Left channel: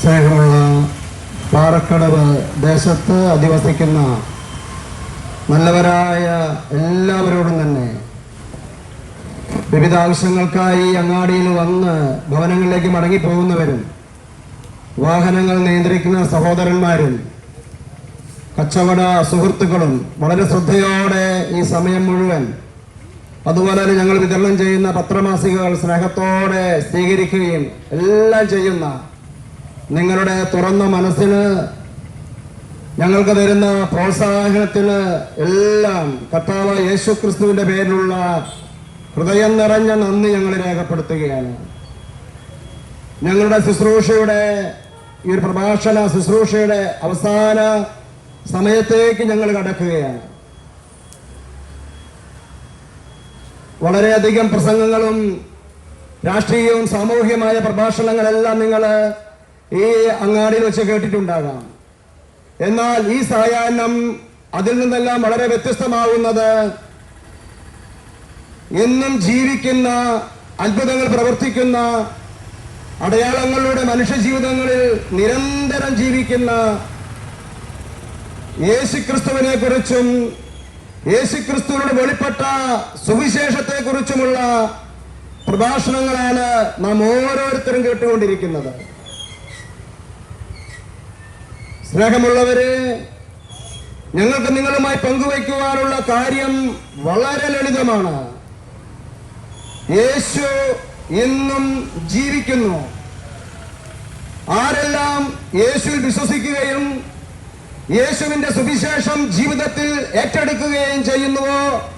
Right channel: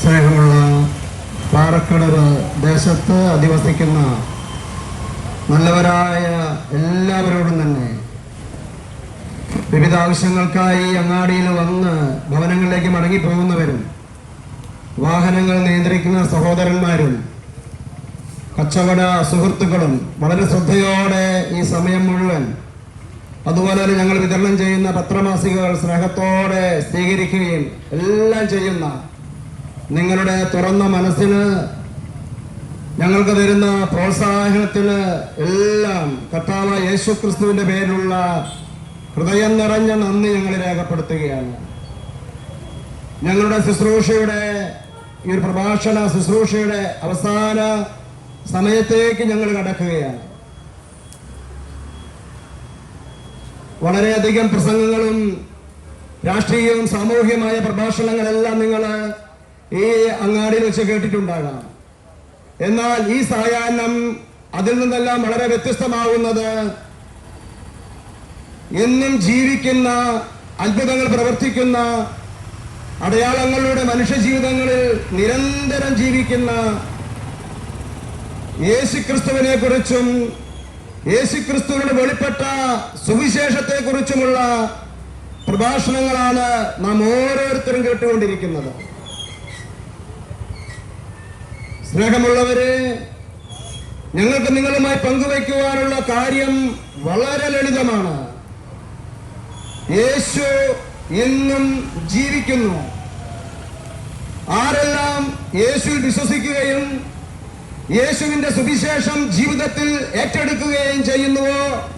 സ്നേഹമുള്ള പാറക്കടവ് ദേശത്ത് അധിവസിക്കുന്ന നല്ലവരായ എല്ലാവരോടും തന്നെ വിവിധ ആവശ്യങ്ങൾക്കായി അങ്ങാടിയിൽ വന്ന് ഭവനങ്ങളിലേക്ക് മടങ്ങിപ്പോകുന്നവരും വാഹനങ്ങൾ നിയന്ത്രിക്കുന്ന സഹോദരന്മാരും കച്ചവട സുഹൃത്തുക്കളും വളരെ ശ്രദ്ധയോടെ ഈ സമയം മുഴുവൻ അതുപോലെ തന്നെ ഞങ്ങൾ വിതരണം ചെയ്യുന്ന പത്രമാസികകൾ സ്നേഹത്തോടെ സ്വീകരിക്കുകയും എല്ലാം ചെയ്യുന്ന നിങ്ങളുടെ തുറന്ന മനസ്സിന് ഞങ്ങൾക്ക് തരുന്ന പ്രോത്സാഹനത്തിന് എല്ലാം കർത്താവ് യേശു ക്രിസ്തുവിന്റെ പേരിലുള്ള ഹൃദയം നിറഞ്ഞ നന്ദി ഞങ്ങൾ രേഖപ്പെടുത്തുകയാണ്. ഞങ്ങളുടെ ശുശ്രൂഷയുടെ ഈ ഒരു പ്രഭാഷണ ശുശ്രൂഷയുടെ അവസാന സമയത്തേക്ക് ഞങ്ങൾ കടക്കുകയാണ്. വളരെയധികം പ്രസംഗങ്ങളും രാഷ്ട്രീയവും സാമൂഹ്യമായ പ്രഭാഷണങ്ങളെല്ലാം നിങ്ങൾ ഈ അങ്ങാടിയിൽ വെച്ച് കേട്ടിട്ടുണ്ടാകാം. എന്നാൽ ഈ സായാഹ്നം അതിൽ നിന്നെല്ലാം വളരെ വ്യത്യസ്തമാവുന്നത് എന്നും ജീവിക്കുന്ന അത്ഭുതങ്ങൾ പ്രവർത്തിക്കുന്ന അടയാളങ്ങളുടെ മനുഷ്യജീവിതങ്ങളിൽ നിരന്തരം ജീവിക്കുന്ന യേശുക്രിസ്തുവിനെ കുറിച്ചും യേശുക്രിസ്തുവിനോട് വെളിപ്പെട്ട സുവിശേഷത്തെ കുറിച്ചുമുള്ള പ്രഭാഷണങ്ങളാണ് നാം ഓരോരുത്തരും കേട്ടുകൊണ്ടിരിക്കുന്നത്. സ്നേഹമുള്ളവരെ ഞങ്ങൾക്ക് നിങ്ങളുമായി പങ്കുവയ്ക്കുവാനുള്ള കാര്യം വളരെ ലളിതമാണ്. യേശു എന്നും ജീവിക്കുന്നു. ആരെല്ലാം യേശുവിൽ വിശ്വസിക്കുകയും യേശുവിന്റെ സുവിശേഷം ജീവിതത്തിൽ ഏറ്റെടുക്കുകയും ചെയ്യുന്നുവോ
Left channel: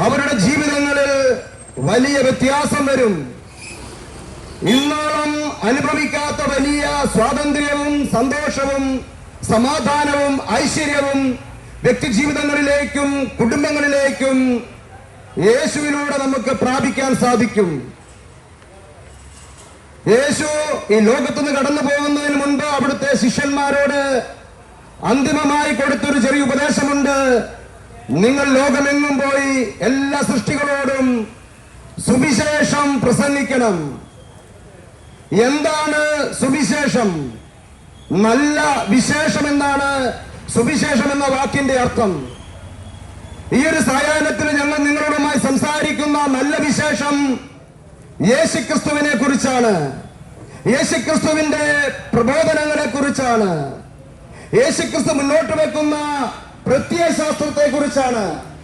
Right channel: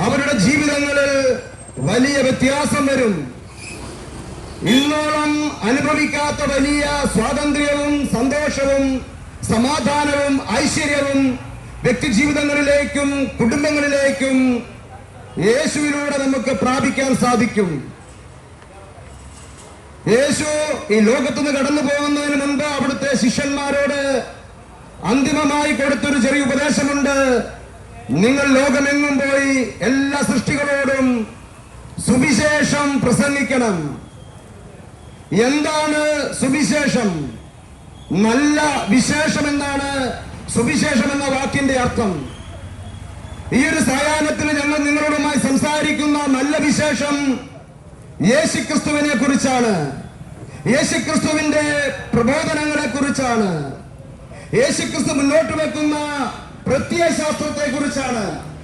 അവരുടെ ജീവിതങ്ങളിൽ വലിയ വ്യത്യാസം വരും. ഇന്നോളം അനുഭവിക്കാത്ത വലിയ സ്വാതന്ത്ര്യവും സന്തോഷവും സമാധാനവും ഐശ്വര്യവും വ്യക്തിജീവിതങ്ങളിലേക്കും കുടുംബങ്ങളിലേക്കും യേശുവിലൂടെ നമുക്ക് പ്രാപിക്കാൻ സാധിക്കും. യേശു ഈ ലോകത്തുനിന്ന് കടന്നു പോകുന്നതിന് മുമ്പ് അവിടുത്തെ ശിഷ്യന്മാരോട് അന്തിമമായി കൊടുത്തൊരു ചെറിയ ഉപദേശമുണ്ട്. നിങ്ങൾ ലോകമെങ്ങും പോയി എല്ലാ സൃഷ്ടികളോടും സുവിശേഷം പ്രസംഗിക്കണം. എന്താണ് സുവിശേഷം? നല്ല വിശേഷം എന്താണ് സുവിശേഷം എന്ന വാക്കിന്റെ അർത്ഥം. ഈ ഒരു സായാഹ്നത്തിൽ ഞങ്ങൾ നിങ്ങളുമായി സംസാരിക്കുന്ന നല്ല വിശേഷം യേശുക്രിസ്തുവിനെ കുറിച്ചാണ്. യേശുക്രിസ്തുവിന്റെ പ്രബോധനങ്ങളെ കുറിച്ചാണ്. യേശുക്രിസ്തു മുന്നോട്ട് വെക്കുന്ന പ്രത്യയശാസ്ത്രത്തെ കുറിച്ചാണ്.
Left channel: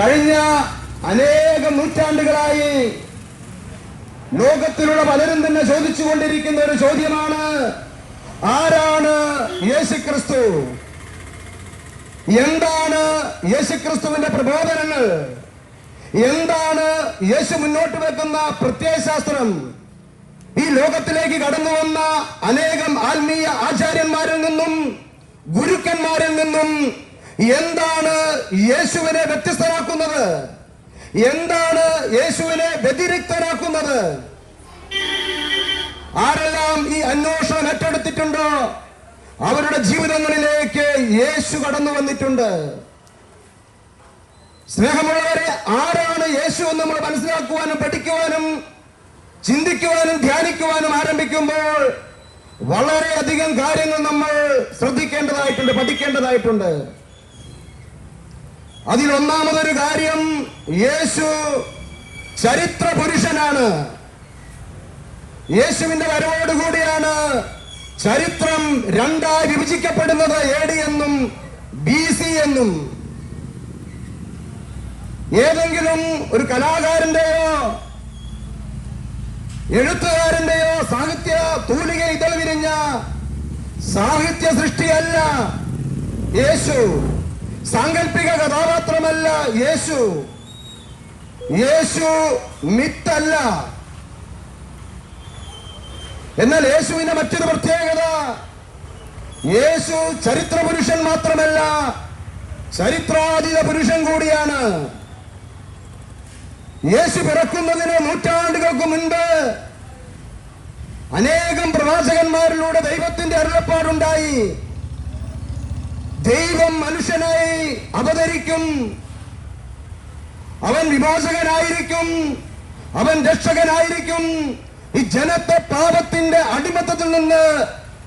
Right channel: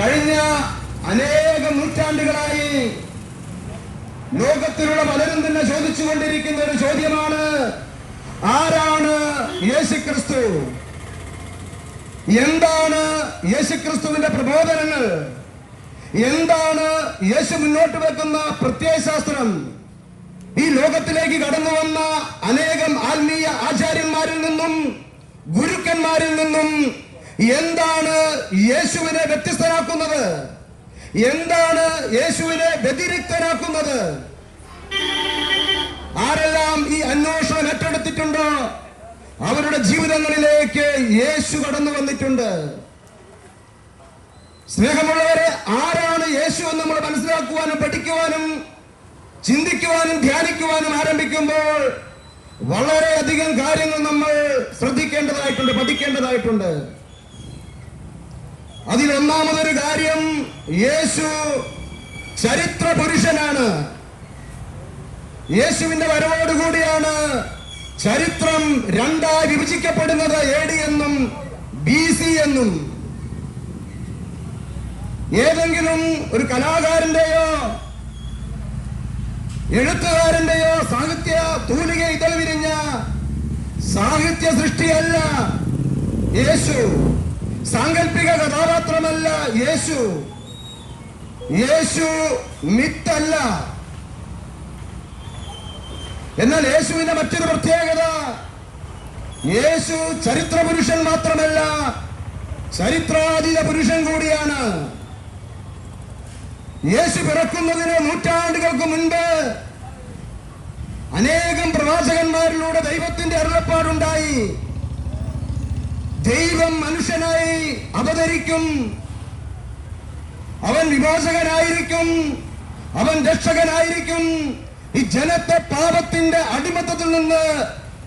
കഴിഞ്ഞ അനേകം നൂറ്റാണ്ടുകളായി ലോകത്തിലുള്ള പലരും തന്നെ ചോദിച്ചുകൊണ്ടിരിക്കുന്ന ഒരു ചോദ്യമാണ് ആരാണ് യേശുക്രിസ്തു? എന്താണ് യേശുക്രിസ്തുവിന്റെ പ്രബോധനങ്ങൾ? എന്താണ് യേശു മുന്നോട്ട് വെക്കുന്ന പ്രത്യയശാസ്ത്രം? ഈ ലോകത്തിലേക്ക് കടന്നു വന്ന അനേകം ആത്മീയ ആചാര്യന്മാരിൽ നിന്നും ഗുരുക്കന്മാരിൽ നിന്നും എന്താണ് യേശുവിനെ വ്യത്യസ്തനാക്കുന്നത് എന്താണ് യേശുവിനെ വ്യതിരിക്തനാക്കുന്നത് ആരെല്ലാം ഈ അന്വേഷണം ഏറ്റെടുത്തിട്ടുണ്ടോ? അവരുടെ ജീവിതങ്ങളിലേക്ക് യേശു കടന്നു വന്നിട്ടുണ്ട്. സ്നേഹമുള്ളവരെ ആരാണ് യേശു എന്ന് നമ്മൾ മനസ്സിലാക്കുവാനും പഠിക്കുവാനും ചിന്തിക്കുവാനും ധ്യാനിക്കുവാനും ആരംഭിക്കുമ്പോൾ വളരെയധികം കാര്യങ്ങൾ നമ്മൾ ശ്രദ്ധിക്കേണ്ടതായിട്ടുണ്ട് പഠിക്കേണ്ടതായിട്ടുണ്ട്. അതിൽ ഒന്നാമതൊരു കാര്യം യേശു ചരിത്ര പുരുഷനാണ് യേശുവിന്റെ വരവോടുകൂടിയാണ് ചരിത്രം രണ്ടായി വിഭജിക്കപ്പെടുന്നത്. എ ഡി എന്നും ബി സി എന്നും. ഏതെങ്കിലും ഒരു കലാകാരന്റെയോ എഴുത്തുകാരന്റെയോ സാഹിത്യ തൂലിക ഇതൾ വിരിഞ്ഞ സാഹിത്യ സൃഷ്ടിയല്ല യേശു. സാങ്കല്പിക കഥാപാത്രമല്ല യേശു. യേശു മിത്തല്ല. എന്നാൽ യേശുവിന്റെ മറ്റൊരു പ്രത്യേകത യേശു ചരിത്ര പുരുഷൻ മാത്രമല്ല ചരിത്രാതീത പുരുഷൻ കൂടിയാണ്. യേശു പിറക്കുന്നതിന് നൂറ്റാണ്ടുകൾക്ക് മുൻപ് അനേകം പ്രവാചകന്മാരിലൂടെ ദൈവത്തിന്റെ അരുളപ്പാടുണ്ടായി. ദൈവം മനുഷ്യനായി അവതരിക്കും. അവൻ വിമോചകനായിരിക്കും അവൻ രക്ഷകനായിരിക്കും. ഈ ജനത്തെ പാപത്തിന്റെ അടിമത്തത്തിൽ നിന്ന്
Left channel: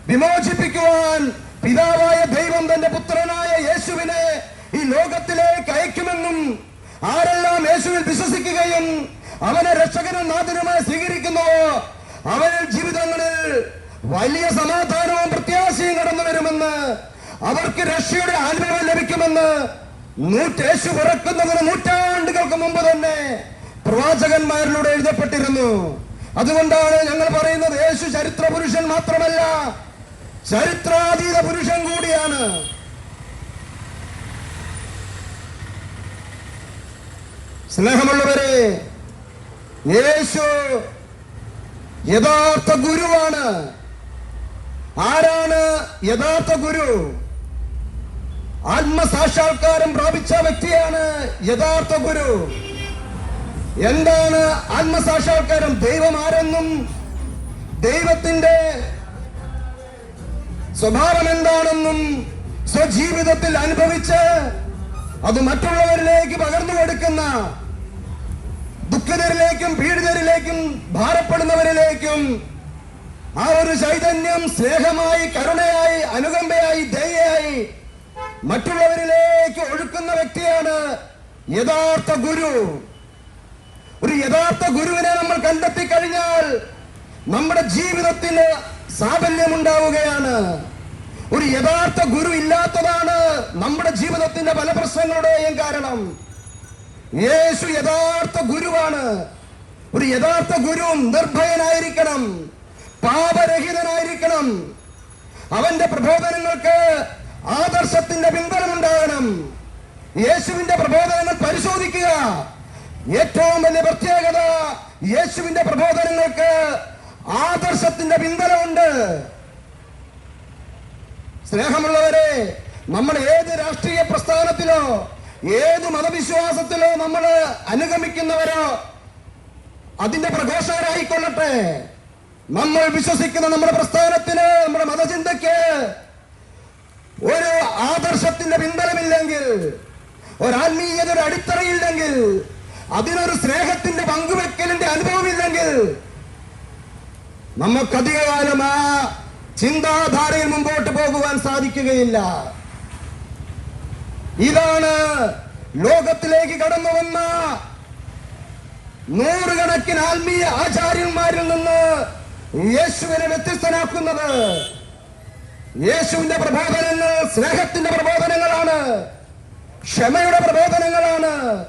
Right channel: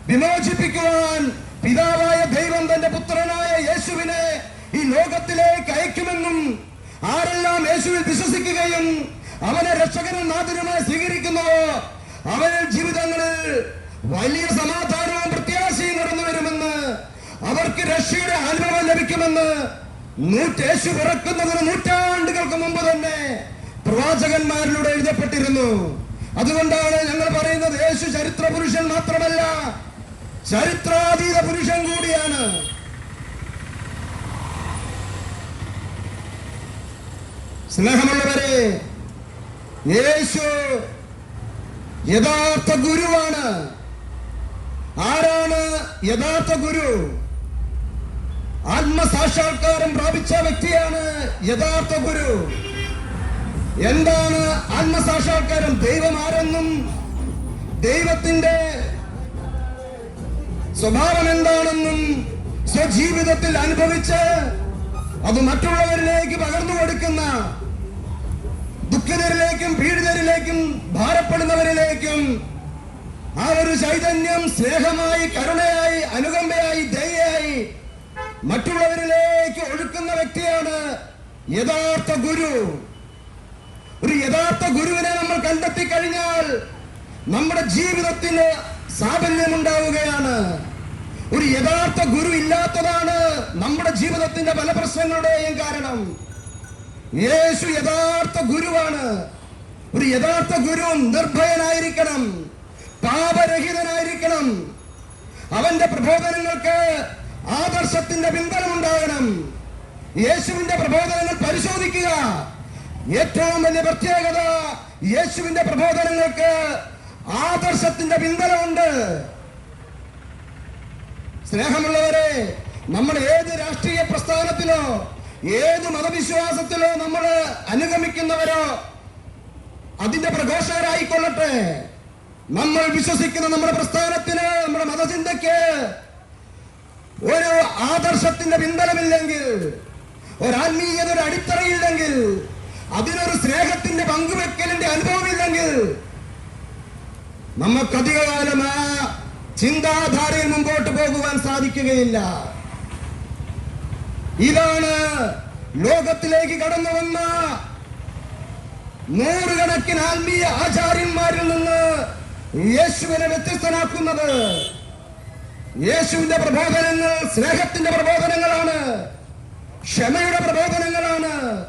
വിമോചിപ്പിക്കുവാൻ പിതാവായ ദൈവം തന്റെ പുത്രനായ യേശുവിനെ ഈ ലോകത്തിലേക്ക് അയക്കുമെന്നും ആരെല്ലാം യേശുവിൽ വിശ്വസിക്കുകയും അവനെ രക്ഷകനും നാഥനുമായി സ്വീകരിക്കുന്നുവോ അവരുടെ ജീവിതങ്ങളിൽ വലിയ സമാധാനവും പ്രത്യാശയും കടന്നു വരുമെന്ന് അവർക്ക് രക്ഷയുടെ അനുഭവം ലഭിക്കുമെന്ന് നൂറ്റേശു പിറക്കുന്നതിന് നൂറ്റാണ്ടുകൾക്ക് മുമ്പ് തന്നെ പ്രവാചകന്മാരിലൂടെ എഴുതപ്പെട്ടിരുന്നു. അതുകൊണ്ടാണ് ഞങ്ങൾ പറയുന്നത് യേശു ചരിത്ര പുരുഷൻ മാത്രമല്ല ചരിത്രാതീത പുരുഷൻ കൂടിയാണ്. സ്നേഹമുള്ളവരെ യേശു യഥാർത്ഥ ഗുരുവാണ്. ആരാണ് യഥാർത്ഥ ഗുരു? ആത്മസാക്ഷാത്കാരം പ്രാപിച്ച വ്യക്തിയാണ് യഥാർത്ഥ ഗുരു. എന്താണ് ആത്മസാക്ഷാത്കാരം? ദൈവം ആരെന്നും ദൈവത്തിന്റെ സ്വഭാവം എന്താണെന്നും സ്വജീവിതത്തിൽ അനുഭവിച്ച് അത് മറ്റുള്ളവരിലേക്ക് പകർന്നു കൊടുക്കുന്ന ദുഃഖിതരിലേക്കും പീഡിതരിലേക്കും ഭാരപ്പെടുന്നവരിലേക്കും ആ ഒരു ചൈതന്യം സ്നേഹമായി കരുണയായി അനുകമ്പയായി ദയയായി മറ്റുള്ളവരിലേക്ക് ഒഴുക്കുന്ന വ്യക്തിയാണ് യഥാർത്ഥ ഗുരു. ഒരു യഥാർത്ഥ ഗുരുവിനെ നമ്മൾ കണ്ടെത്തി കഴിഞ്ഞാൽ നമ്മുടെ ജീവിതത്തിന് സാഫല്യമുണ്ടാവുകയാണ്. ഒരു യഥാർത്ഥ ഗുരു ഇല്ലാത്തതാണ് നമ്മുടെ ജീവിതത്തിന്റെ പല പ്രശ്നങ്ങളുടെയും കാരണം. യേശു യഥാർത്ഥ ഗുരുവാണ്. ഒരു യഥാർത്ഥ ഗുരു നിർഭയനായിരിക്കണം. പാപരഹിതനായിരിക്കണം. അവന്റെ പ്രബോധനങ്ങൾക്ക് ആദർശത്തിന്റെ പിൻബലമുണ്ടാകണം. യേശുവിന്റെ പ്രബോധനങ്ങൾ പരിശോധിക്കുക. ഏറ്റവും വലിയ പ്രത്യേകത യേശുവിന്റെ പ്രബോധനങ്ങൾക്ക് ആദർശത്തിന്റെ പിൻബലമുണ്ട്. സ്നേഹമുള്ളവരെ നമ്മൾ ഏത് രാഷ്ട്രീയ പ്രസ്ഥാനത്തിലോ ഏത് മതവിശ്വാസത്തിലോ നമ്മൾ അനുഗമിക്കുന്നവരോ അതിന്റെ പ്രഘോഷകരായിക്കൊള്ളട്ടെ നമ്മൾ വിശ്വസിക്കുന്ന നമ്മുടെ പ്രസ്ഥാനത്തിന് നമ്മുടെ മതചിന്തയ്ക്ക് ഒരു ആദർശത്തിന്റെ പിൻബലമില്ലെങ്കിൽ ഒരു ആത്മീയത ഒരു അടിത്തറയില്ലെങ്കിൽ അതിനൊരു സ്നേഹത്തിന്റെ പങ്കുവെക്കലിന്റെ അനുഭവമില്ലെങ്കിൽ നമുക്കധികകാലം ആ ചിന്താധാരയിൽ മുമ്പോട്ട് പോകുവാൻ സാധിക്കുകയില്ല. ഇതാണ് ലോകത്തിലേക്ക് കടന്നു വന്ന നൂറുകണക്കിന് ആത്മീയ ആചാര്യന്മാരിൽ നിന്ന് യേശുവിനെ വ്യത്യസ്തനാക്കുന്നത്. യേശുവിന്റെ പ്രബോധനങ്ങൾ സ്നേഹത്തിന്റെ പ്രബോധനങ്ങളാണ്. ക്ഷമയുടെ പ്രബോധനങ്ങളാണ്.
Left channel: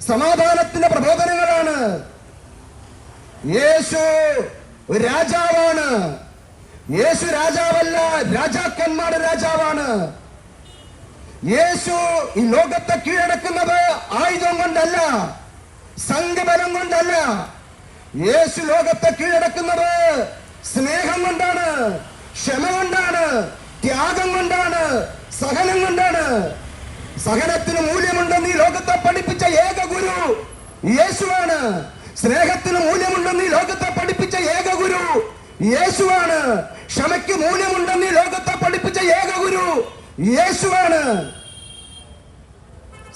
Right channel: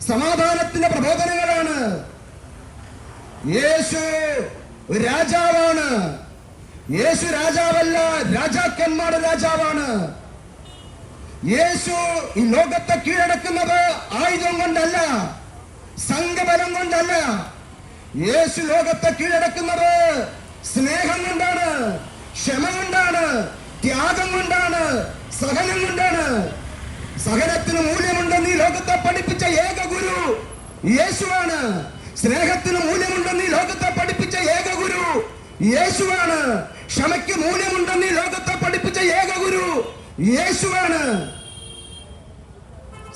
സമാധാനത്തിന്റെ പ്രബോധനങ്ങളാണ്. യേശു രാജാവാണ്. യേശു രാജാവല്ല രാജാക്കന്മാരുടെ രാജാവാണ്. യേശു ഈ ലോകത്തെ കീഴടക്കുന്നത് ആയുധം കൊണ്ടല്ല സംഘബലം കൊണ്ടല്ല. യേശു ലോകത്തെ കീഴടക്കുന്നത് സ്നേഹം കൊണ്ടാണ്. ക്ഷമ കൊണ്ടാണ് ത്യാഗം കൊണ്ടാണ് സഹനം കൊണ്ടാണ് സഹനത്തിന് മൂല്യമുണ്ടെന്ന് ഈ ലോകത്തെ പഠിപ്പിച്ച ഏക ഗുരു യേശുവാണ്. സ്നേഹത്തിന് മൂല്യമുണ്ടെന്ന് ഈ ലോകത്തെ പഠിപ്പിച്ച ഏക ഗുരു യേശുവാണ്. ക്ഷമയ്ക്ക് മൂല്യമുണ്ടെന്ന് ഈ ലോകത്തെ പഠിപ്പിച്ച ഏക ഗുരു യേശുവാണ്.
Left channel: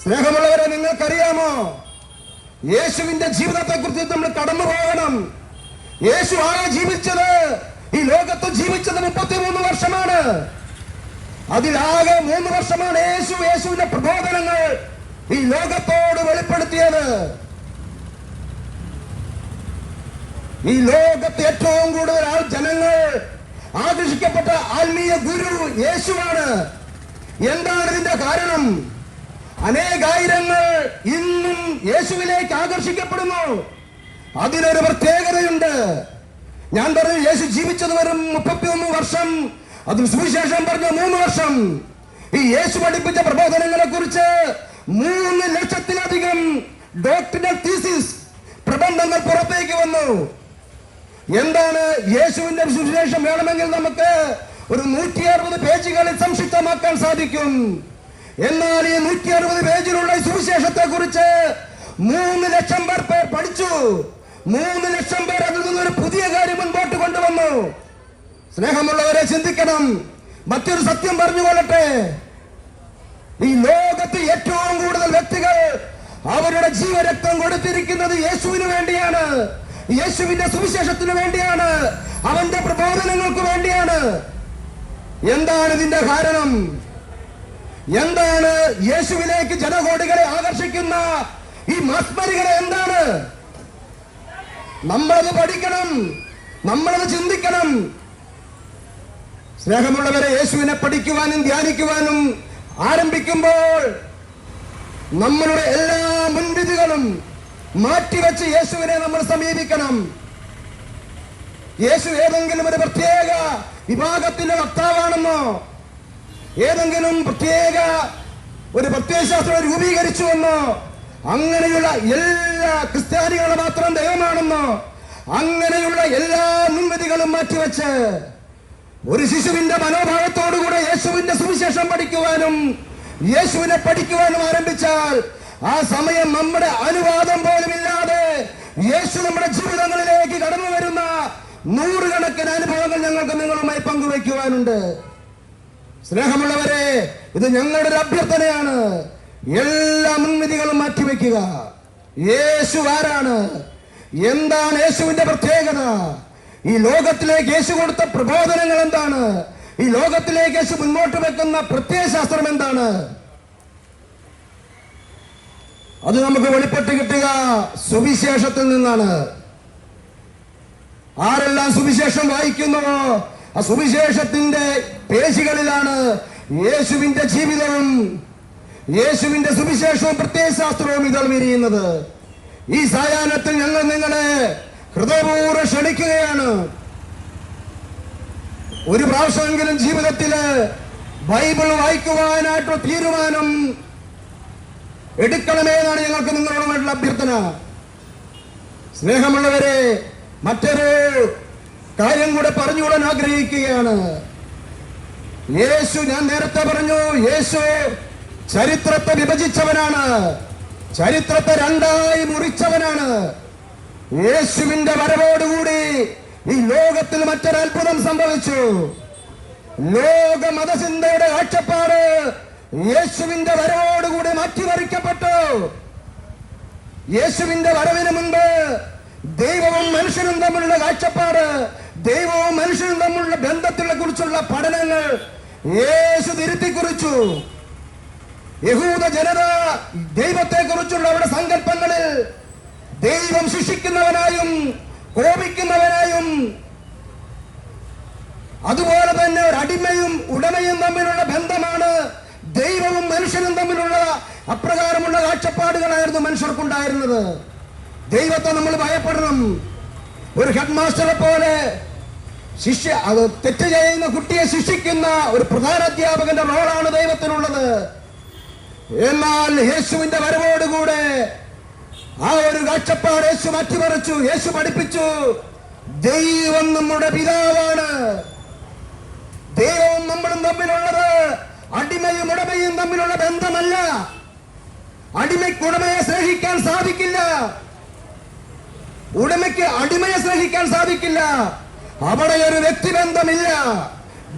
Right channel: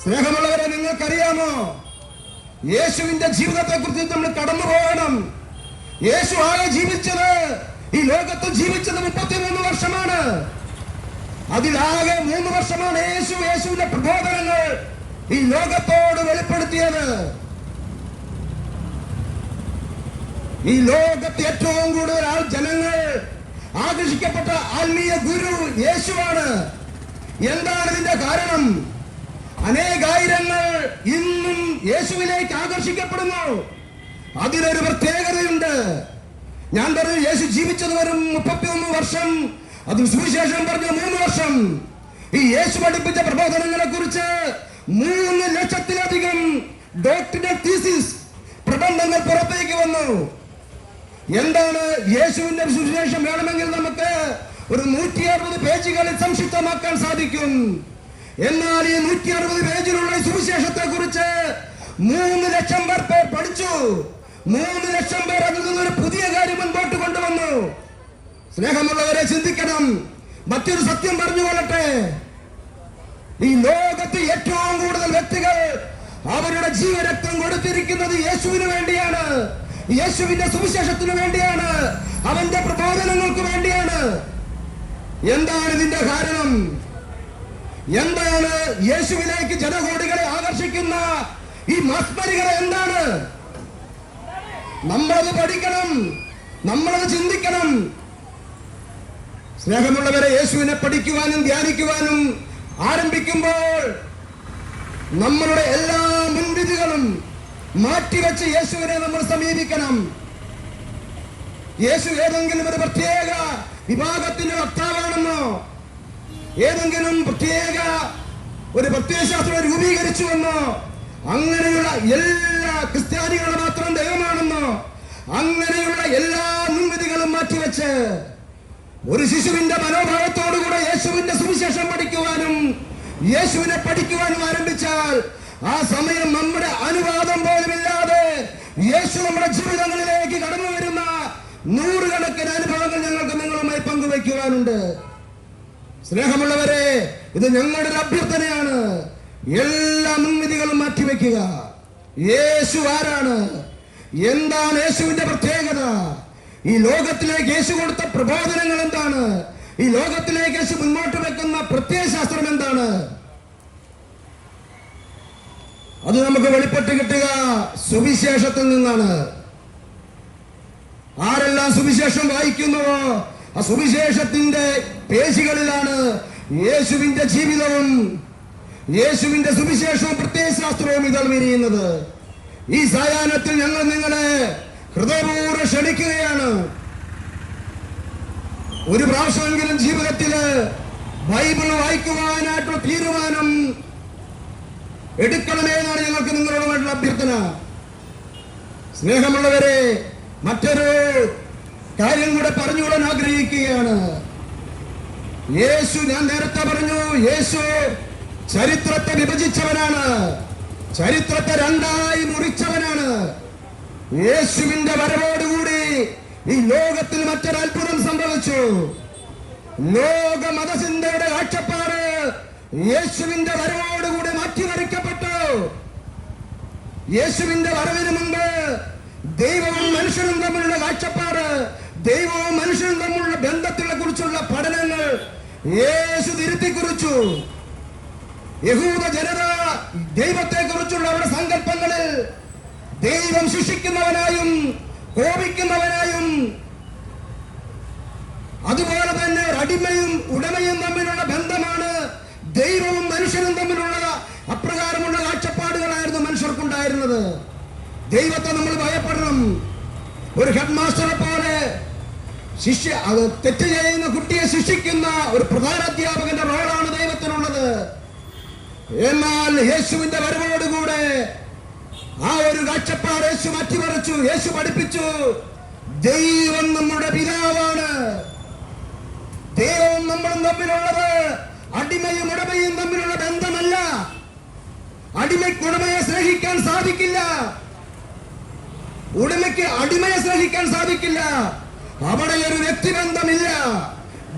സ്നേഹമുള്ളവരെ നിങ്ങൾക്കറിയാമോ? യേശുവിന്റെ ജീവിതത്തെ കുറിച്ച് നമ്മൾ കടന്നു പോകണം യേശു ആകെ ജീവിച്ചത് ഈ ലോകത്ത് ജീവിച്ചത് മുപ്പത്തിമൂന്ന് വർഷമാണ്. അതിലാകെ മൂന്ന് വർഷമാണ് യേശു യേശുവിന്റെ പ്രബോധനങ്ങൾ ഈ ലോകത്തോട് വെളിപ്പെടുത്തിയത്. ഈ ലോകത്ത് ഏറ്റവും കൂടുതൽ ആൾ ജനങ്ങൾ ആകർഷിക്കപ്പെട്ട ആത്മീയ ഗുരു യേശുവാണ്. എന്താണ് ഇതിന്റെ കാരണം? അനേകായിരങ്ങൾ ഇന്നും യേശുവിലേക്ക് ആകർഷിക്കപ്പെടുന്നു. അതിനൊരു പ്രത്യേകതയുണ്ട്. ഞാൻ പറഞ്ഞു യേശു ജീവിച്ചത് വരും മുപ്പത്തിയൊന്ന് വർഷം. അതിന് സുവിശേഷം പറഞ്ഞു മൂന്ന് വർഷം. ഈ യേശു പഠിപ്പിച്ച പ്രബോധനങ്ങളെ കുറിച്ച് മൂന്ന് ലക്ഷത്തിലധികം ഡോക്ടറൽ തീസിസ് പ്രബന്ധങ്ങൾ പുറത്തേക്ക് വന്നു. എന്താണ് യേശുവിന്റെ സുവിശേഷം വേണമെങ്കിൽ നമുക്ക് ഒരു നൂറ്റി അറുപത് പേജുകളിൽ സംക്ഷിപ്തമാക്കാൻ സാധിക്കും. എന്നാൽ ഈ നൂറ്റി അറുപത് പേജിലുള്ള സുവിശേഷത്തെ കുറിച്ച് മൂന്ന് ലക്ഷം പേർ പേർ പഠിച്ചു. മൂന്ന് ലക്ഷം പേർ അതിൽ നിന്നൊരു പുതിയ കാര്യം മുൻപോട്ട് കൊണ്ടുവന്നു. സ്നേഹമുള്ളവരെ ചിന്തിക്കണം. മറ്റൊരു സത്യം പറഞ്ഞുകൊള്ളട്ടെ. ഈ ലോകത്ത് ഏറ്റവും കൂടുതൽ വ്യക്തികൾ അവരുടെ ജീവരക്തം കൊടുത്തിരിക്കുന്നത് യേശുവിന് വേണ്ടിയാണ്. യേശുവിന്റെ സുവിശേഷത്തിന് വേണ്ടിയാണ്. അവന്റെ പ്രബോധനങ്ങൾക്ക് വേണ്ടിയാണ്. എന്താണ് ഇതിന്റെ കാരണം? എന്താണ് യേശുവിലേക്ക് ജനകോടികളെ ആകർഷിക്കുന്ന ഈ മസ്മരികളെ എന്താണ്? നമ്മളത് പഠിക്കണം. നമ്മളത് ചിന്തിക്കണം. സ്നേഹമുള്ളവരെ യേശുവിനെ പഠിക്കുവാനും ധ്യാനിക്കുവാനും ആരംഭിക്കുമ്പോൾ നമ്മളുടെ എല്ലാ മുൻവിധികളും മാറ്റിവെച്ച് യേശുവിനെ നമ്മൾ സമീപിക്കണം. യേശു ഏതെങ്കിലും ഒരു പ്രത്യേക വിഭാഗത്തിന്റെ വക്താവാണെന്നോ ഏതെങ്കിലും പ്രത്യേക ഒരു പ്രത്യയശാസ്ത്രം രൂപീകരിച്ചുവെന്നോ അങ്ങനെയുള്ള എല്ലാ ക്രിസ്ത്യാനികളെ മാത്രം ദൈവമാണെന്നോ അങ്ങനെയുള്ള എല്ലാ മുൻവിധികളും മാറ്റിവെച്ച് ഒരു ശിശുവിന്റെ മനോഭാവത്തോടുകൂടെ യേശുവിന്റെ സുവിശേഷം പഠിക്കുവാനും യേശുവിനെ പഠിക്കുവാനും ആരംഭിച്ചാൽ ആ സമയം നമ്മുടെ അനുവാദം പോലുമില്ലാതെ യേശു നമ്മുടെ ജീവിതങ്ങളിലേക്ക് കടന്നു വരുന്ന നൂറുകണക്കിന് അനുഭവങ്ങൾ ഞങ്ങൾക്ക് നിങ്ങളുമായി പങ്കുവെക്കുവാനുണ്ട് സ്നേഹമുള്ളവരെ ഇത് ഞങ്ങളുടെ ഒരു അഭ്യർത്ഥനയാണ്. എല്ലാ മുൻവിധികളും മാറ്റിവെക്കുക. യേശു ആരാണ്? എന്താണ് യേശുവിന്റെ പ്രത്യേകത? ഈ ലോകത്തിലേക്ക് യേശു കൊടുത്ത പ്രബോധനങ്ങൾ എന്താണ്? ഈ ലോകത്തിലേക്ക് യേശു മുന്നോട്ട് വെക്കുന്ന പ്രത്യയശാസ്ത്രം എന്താണ്? അത് നമുക്ക് വെളിപ്പെട്ട് കിട്ടുക സുവിശേഷത്തിൽ നിന്നാണ്. ആരെല്ലാം സുവിശേഷം വായിക്കുന്നുവോ ആ സുവിശേഷത്തിന്റെ പേശികളിലാണ് യേശുവിന്റെ ജീവിതവും. യേശുവിന്റെ സുവിശേഷവും പ്രത്യയശാസ്ത്രവും ഇതൾവിരിയുന്നത് ഈ സായാഹ്നത്തിൽ ഞങ്ങൾ നിങ്ങളെ ഹൃദയപൂർവം ക്ഷണിക്കുകയാണ്. ഒരു പ്രാവശ്യമെങ്കിലും ജീവിതത്തിൽ ബൈബിൾ വായിക്കുവാനായിട്ടുള്ള തീരുമാനം എടുക്കണമേ എന്നാണ് ഞങ്ങൾക്ക് നിങ്ങളോടുമായിട്ടുള്ള അഭ്യർത്ഥന. സ്നേഹമുള്ളവരെ മറ്റൊരു കാര്യം കൂടെ പറഞ്ഞുകൂടാൻ ആഗ്രഹിക്കുകയാണ്. യേശു ഞാൻ നേരത്തെ പറഞ്ഞു യേശു ചരിത്രത്തെ വിഭജിച്ചവനാണ്. ചരിത്രത്തെ രണ്ടായി മുറിച്ചവനാണ്. യേശുവിന്റെ വരവോടുകൂടി ഈ ലോകത്തിൽ മറ്റൊരത്ഭുതം സംഭവിച്ചു. ലോക മതചിന്തയുടെ കാഴ്ചപ്പാട് യേശുവിന്റെ വരവോടുകൂടി മാറ്റിമറിക്കപ്പെട്ടു. യേശുവിന്റെ വരവിന് മുമ്പ് ദൈവവും മനുഷ്യനും തമ്മിലുള്ള കാഴ്ചപ്പാട് ദൈവവും മനുഷ്യനും തമ്മിലുള്ള ബന്ധത്തിനെ കുറിച്ചുള്ള പഠനങ്ങൾ യേശു തിരുത്തി കുറിച്ചു യഹൂദ ജനത ദൈവത്തെ കുറിച്ചുള്ള അവരുടെ സങ്കല്പങ്ങളിൽ ദൈവം ശിക്ഷിക്കുന്നവനായും കോപിക്കുന്നവനായും അതുപോലെ തന്നെ ഒരു അടിമയും ഉടമയും തമ്മിലുള്ള ബന്ധമാണ് ദൈവവും മനുഷ്യനും തമ്മിലുള്ള അപ്രകാരമുള്ള കാഴ്ചപ്പാടുകളായിരുന്നു മനുഷ്യർക്കുണ്ടായിരുന്നത്. ദൈവത്തെ നമ്മൾ ഭയപ്പെടണം. ഒരു ഹെഡ് മാസ്റ്ററെ പോലെ ശിഷ്യ അത് തെറ്റ് ചെയ്യുന്ന കുട്ടിയെ ശിക്ഷിക്കുന്ന ഒരു പ്രധാന അധ്യാപകന്റെ റോളാണ് ദൈവത്തിനുള്ളത്. എന്നാൽ യേശുവിന്റെ വരവോടുകൂടെ ആ ഒരു കാഴ്ചപ്പാട് യേശു മാറ്റിമറിച്ചു യേശു പഠിപ്പിച്ചു. ദൈവം നമ്മുടെ പിതാവാണ്. ദൈവവും നമ്മളും തമ്മിലുള്ളത്. അടിമയും ഉടമയും തമ്മിലുള്ള ബന്ധമല്ല. അടിമയ്ക്ക് ഉടമയെ സ്നേഹിക്കാൻ സാധിക്കില്ല. ഉടമയ്ക്ക് അടിമയെ സ്നേഹിക്കാൻ സാധിക്കില്ല. അവിടെ ഒരു വ്യക്തിബന്ധമില്ല.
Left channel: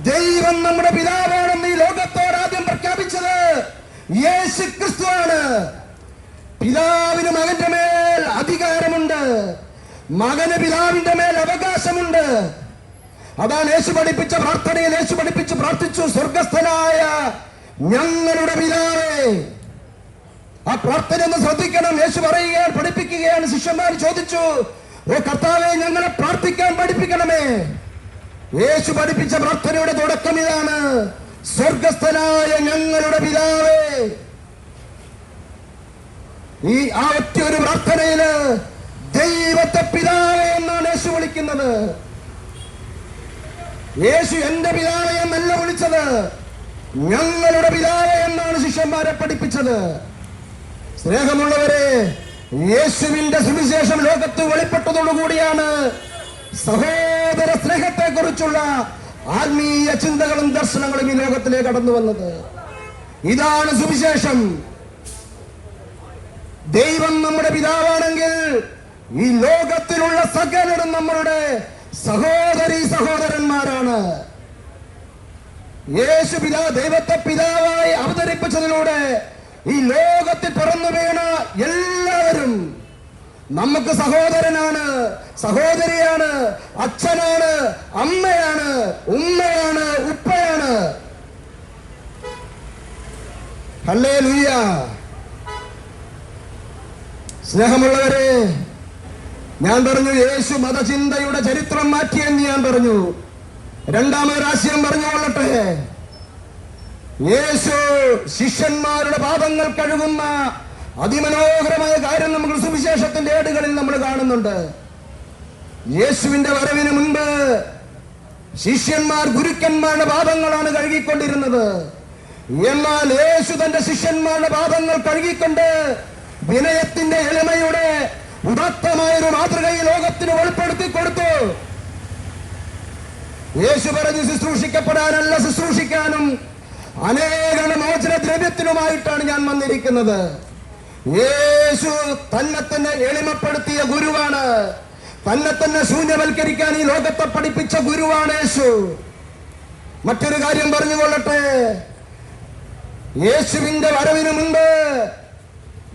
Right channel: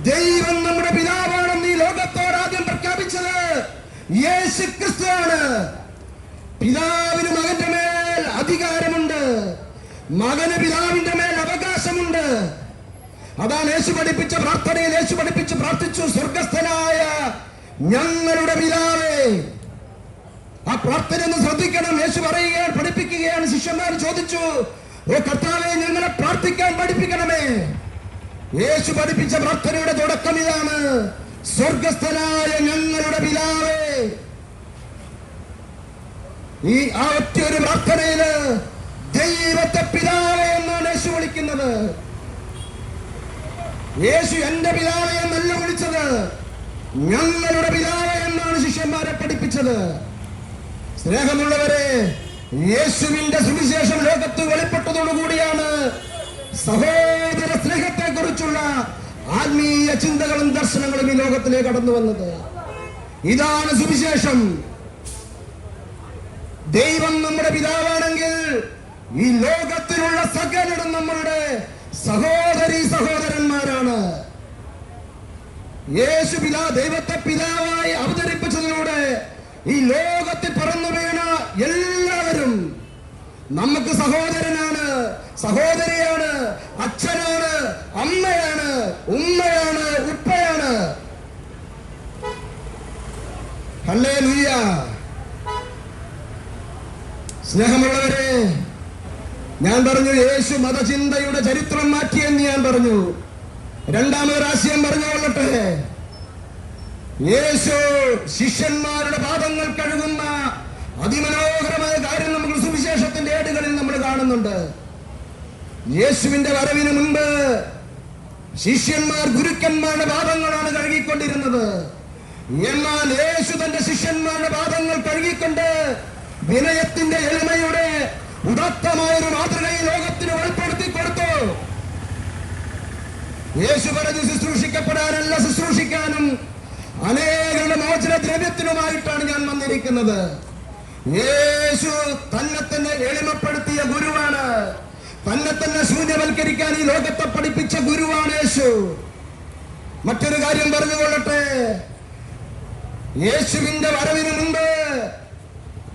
ദൈവം നമ്മുടെ പിതാവാണെന്ന് ഈ ലോകത്തോട് ആദ്യം പ്രഖ്യാപിച്ചത് യേശു ക്രിസ്തുവാണ് പിതാവിന് മകന്റെ മേൽ അധികാരമുണ്ട്. മകന് പിതാവിന്റെ മേൽ അവകാശമുണ്ട്. അതാണ് യേശു പഠിപ്പിച്ച പ്രാർത്ഥനയിൽ യേശു പഠിപ്പിച്ച് പ്രാർത്ഥിച്ചു സ്വർഗസ്ഥനായ ഞങ്ങളുടെ പിതാവേ. ആ പ്രാർത്ഥന ഒന്ന് ശ്രദ്ധിക്കണം. യേശു പറയുകയാണ് പഠിപ്പിക്കുകയാണ്. ശിഷ്യന്മാർ ചോദിച്ചു ഓ കർത്താവെ ഞങ്ങളെ പ്രാർത്ഥിക്കാൻ പഠിപ്പിക്കണമേ. യേശു പഠിപ്പിച്ച പ്രാർത്ഥനയുടെ തുടക്കം ഇതാണ്. സ്വർഗസ്ഥനായ ഞങ്ങളുടെ പിതാവേ. ഈ ആ ഒരു പ്രാർത്ഥനയിൽ ദൈവത്തെ പിതാവേ എന്നാണ് യേശു വിളിക്കുന്നത്. യേശു എന്റെ പിതാവെ എന്നല്ല വിളിച്ചത്. ഞങ്ങളുടെ പിതാവെ എന്നാണ് ശിഷ്യന്മാരെ പഠിപ്പിച്ചത്. സ്നേഹമുള്ളവരെ യേശുവിന്റെ സുവിശേഷം ലോകത്ത് വെളിപ്പെട്ടതോടുകൂടിയാണ് സഹോദര സ്നേഹത്തെ കുറിച്ചുള്ള ആത്മീയ ചിന്തകളും ദർശനങ്ങളും ഈ ലോകത്തിലേക്ക് കടന്നു വന്നത്. ഇതാണ് സുവിശേഷം. ദൈവം നമ്മുടെ പിതാവാണെങ്കിൽ ഈ ലോകത്തിലുള്ള സകലരും നമ്മളുടെ സഹോദരി സഹോദരന്മാരാണ്. യേശു പിതാ ദൈവത്തെ പിതാവായി അവതരിപ്പിച്ചതിലൂടെ ഈ ലോകത്തിൽ പിറന്നു വീണ എല്ലാവരും നമുക്ക് സഹോദരനാണ് സഹോദരിയാണ് അച്ഛനാണ് അമ്മയാണ് ഉമ്മയാണ് ഉപ്പയാണ്. സ്നേഹമുള്ളവരെ ഞാൻ പറഞ്ഞു യേശു മതചിന്തയുടെ ചരിത്രം മാറ്റിയെന്ന് ഞാൻ പറഞ്ഞു. രണ്ടാമത് പറഞ്ഞു പറഞ്ഞുകൊള്ളട്ടെ യേശു ശിഷ്യന്മാരുടെ പാദങ്ങൾ കഴുകുന്ന അതിമനോഹരമായ കാര്യം നമുക്ക് സുവിശേഷത്തിന്റെ ഏടുകളിൽ നമ്മൾ കാണുന്നുണ്ട്. യേശുവിന്റെ വരവിന് മുൻപ് ശിഷ്യന്മാർ ഗുരുക്കന്മാരുടെ പാപങ്ങളാണ് കഴുകിക്കൊണ്ടിരുന്നത്. എന്നാൽ യേശു തന്റെ ശിഷ്യന്മാരുടെ പാപങ്ങൾ കഴുകിക്കൊണ്ട് വിനയത്തിന്റെ എളിമയുടെ ഉദാത്തമായ ഒരു മാതൃകയെ ലോകത്തിന് വെളിപ്പെടുത്തി കൊടുത്തു. യേശു പറഞ്ഞു ശുശ്രൂഷിക്കപ്പെടാനല്ല ശുശ്രൂഷിക്കാനും. അനേകം മോചന ദ്രവ്യത്തിനുമായിട്ടാണ് ഞാൻ വന്നിരിക്കുന്നത്. യേശു തന്നെ തന്നെ എളിമപ്പെടുത്തിയ ഗുരുവാണ്. തന്നെ തന്നെ ശൂന്യവൽക്കരിക്കാൻ ഈ ലോകത്തെ പഠിപ്പിച്ച ഗുരുവാണ് യേശു. മറ്റൊരു കാര്യം പറഞ്ഞുകൊള്ളട്ടെ. യേശുവിന്റെ വരവിന് മുമ്പ്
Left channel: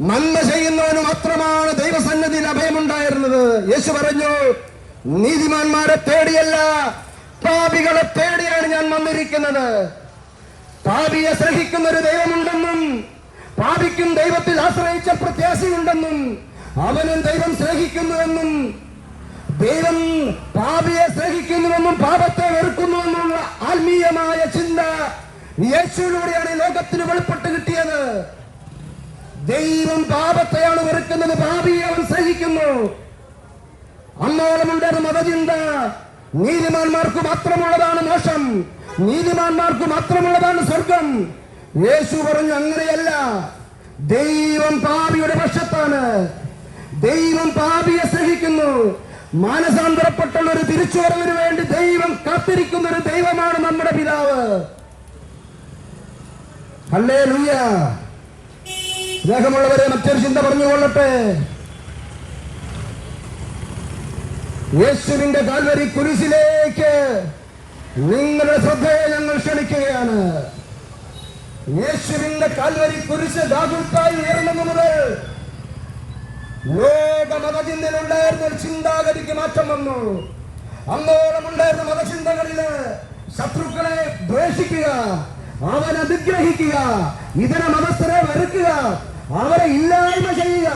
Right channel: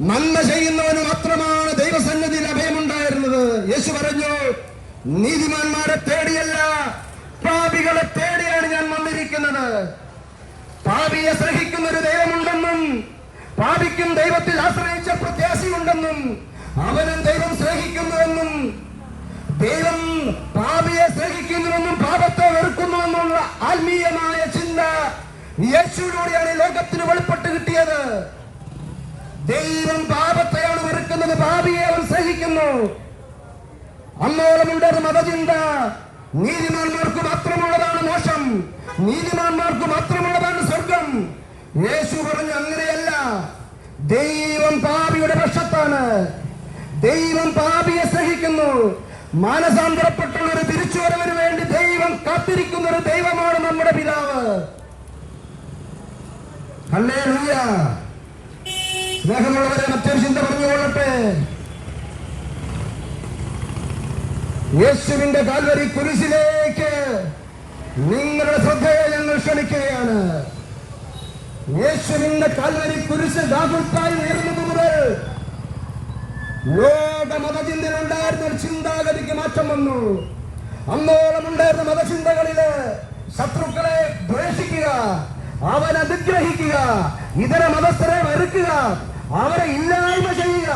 നന്മ ചെയ്യുന്നവന് മാത്രമാണ് ദൈവസന്നിധിയിൽ അഭയമുണ്ടായിരുന്നത്. യേശു പറഞ്ഞു നീതിമാന്മാരെ തേടിയല്ല പാപികളെ തേടിയാണ് ഞാൻ വന്നിരിക്കുന്നത്. പാപിയെ സ്നേഹിക്കുന്ന ഒരു ദൈവമുണ്ടെന്നും പാപിക്കും ദൈവത്തിൽ ആശ്രയിച്ച പ്രത്യാശയുണ്ടെന്നും അവനും ദൈവം സ്നേഹിക്കുന്നുവെന്നും ദൈവം പാപിയെ സ്നേഹിക്കുന്നുവെന്നും പാപത്തെ വെറുക്കുന്നുവെന്നുള്ള ആത്മീയമായ ചിന്ത യേശുവിലൂടെയാണ് ലോകത്തിന് വെളിപ്പെട്ട് കിട്ടിയത്. ദൈവം പാപത്തെയാണ് വെറുക്കുന്നത് പാപിയെ അവൻ സ്നേഹിക്കുന്നു. അന്നോളമുണ്ടായിരുന്ന മതചിന്ത നീതിമാന്മാർക്ക് മാത്രമുള്ളതാണ് മോശം നീതിമാന്മാർക്ക് മാത്രമുള്ളതാണ് സ്വർഗം. യേശു പറഞ്ഞു അങ്ങനെയല്ല. ദൈവം പാപിയുടെ പക്ഷത്താണ്. ദൈവം പാപിയെ സഹിക്കുന്നു മാനസാന്തരപ്പെട്ടുള്ള ഒരു തിരിച്ചുവരവിന് വേണ്ടി ദൈവം കാത്തിരിക്കുന്ന ഒരു ദൈവമാണ് നമ്മുടെ പിതാവ്. ഹല്ലേ സ്നേഹമുള്ളവരെ മറ്റൊരു ചിന്ത പറഞ്ഞുകൊള്ളട്ടെ. യേശുവിന്റെ കാൽവരി കുരിശിലേക്ക് നിങ്ങളുടെ ശ്രദ്ധയെ ഞങ്ങൾ ക്ഷണിക്കുകയാണ്. യേശുവിന്റെ കാൽവരി കുരിശ് ദാഗുക്കായി ഉയർന്നത് മുതൽ ലോക മതചിന്തയിലുണ്ടായിരുന്ന ഒരു ചിന്താഗതിക്ക് മാറ്റം വന്നു. അന്നോളം ഉണ്ടായിരുന്ന മതചിന്തകളിൽ ശത്രുക്കളെ ദ്വേഷിക്കുക അവനെ നിഗ്രഹിക്കുക ഇതര മതസ്ഥരെ വെറുക്കുക അവരെ ഇല്ലായ്മ ചെയ്യുക.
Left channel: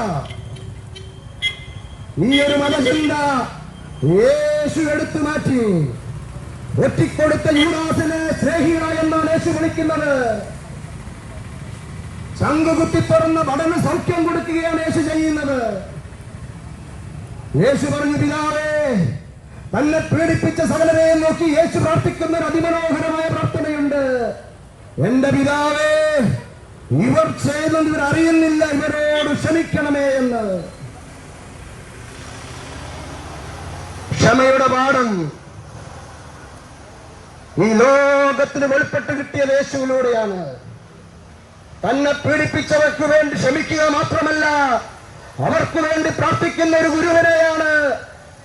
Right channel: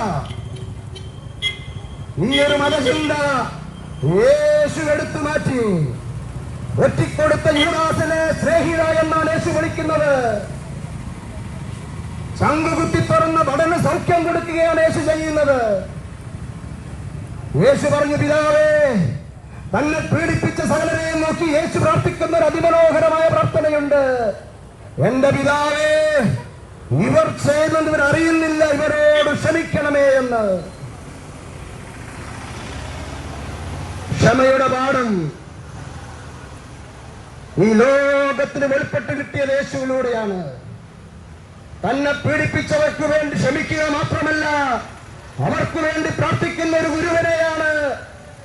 ഈ ഒരു മതചിന്ത യേശു എടുത്തു മാറ്റി. ഒറ്റിക്കൊടുത്ത യുവാസിനെ സ്നേഹിത എന്നാണ് യേശു വിളിക്കുന്നത്. ചങ്കുകുത്തി തുറന്ന പഠന സൗഖ്യം കൊടുക്കുകയാണ് യേശു ചെയ്യുന്നത്. യേശു പറഞ്ഞു പിതാവേ തന്നെ പീഡിപ്പിച്ച സകലരെയും നോക്കി യേശു പ്രാർത്ഥിക്കുന്ന ഒരു അതിമനോഹരമായ പ്രാർത്ഥനയുണ്ട്. എന്റെ പിതാവേ ഇവർ ചെയ്യുന്നത് ഇവർ അറിയുന്നില്ല. ഇവരോട് ക്ഷമിക്കണമേ എന്ന്. ക്ഷമയുടെ പാഠം. ഈ ലോകത്തിന് വെളിപ്പെട്ട് കിട്ടിയ യേശുവിലൂടെയാണ്. തന്നെ പീഡിപ്പിച്ചവർക്ക് വേണ്ടി ക്ഷമിക്കുക മാത്രമല്ല അവർക്ക് വേണ്ടി പ്രാർത്ഥിക്കുന്ന ഒരു ഗുരുവനെയാണ്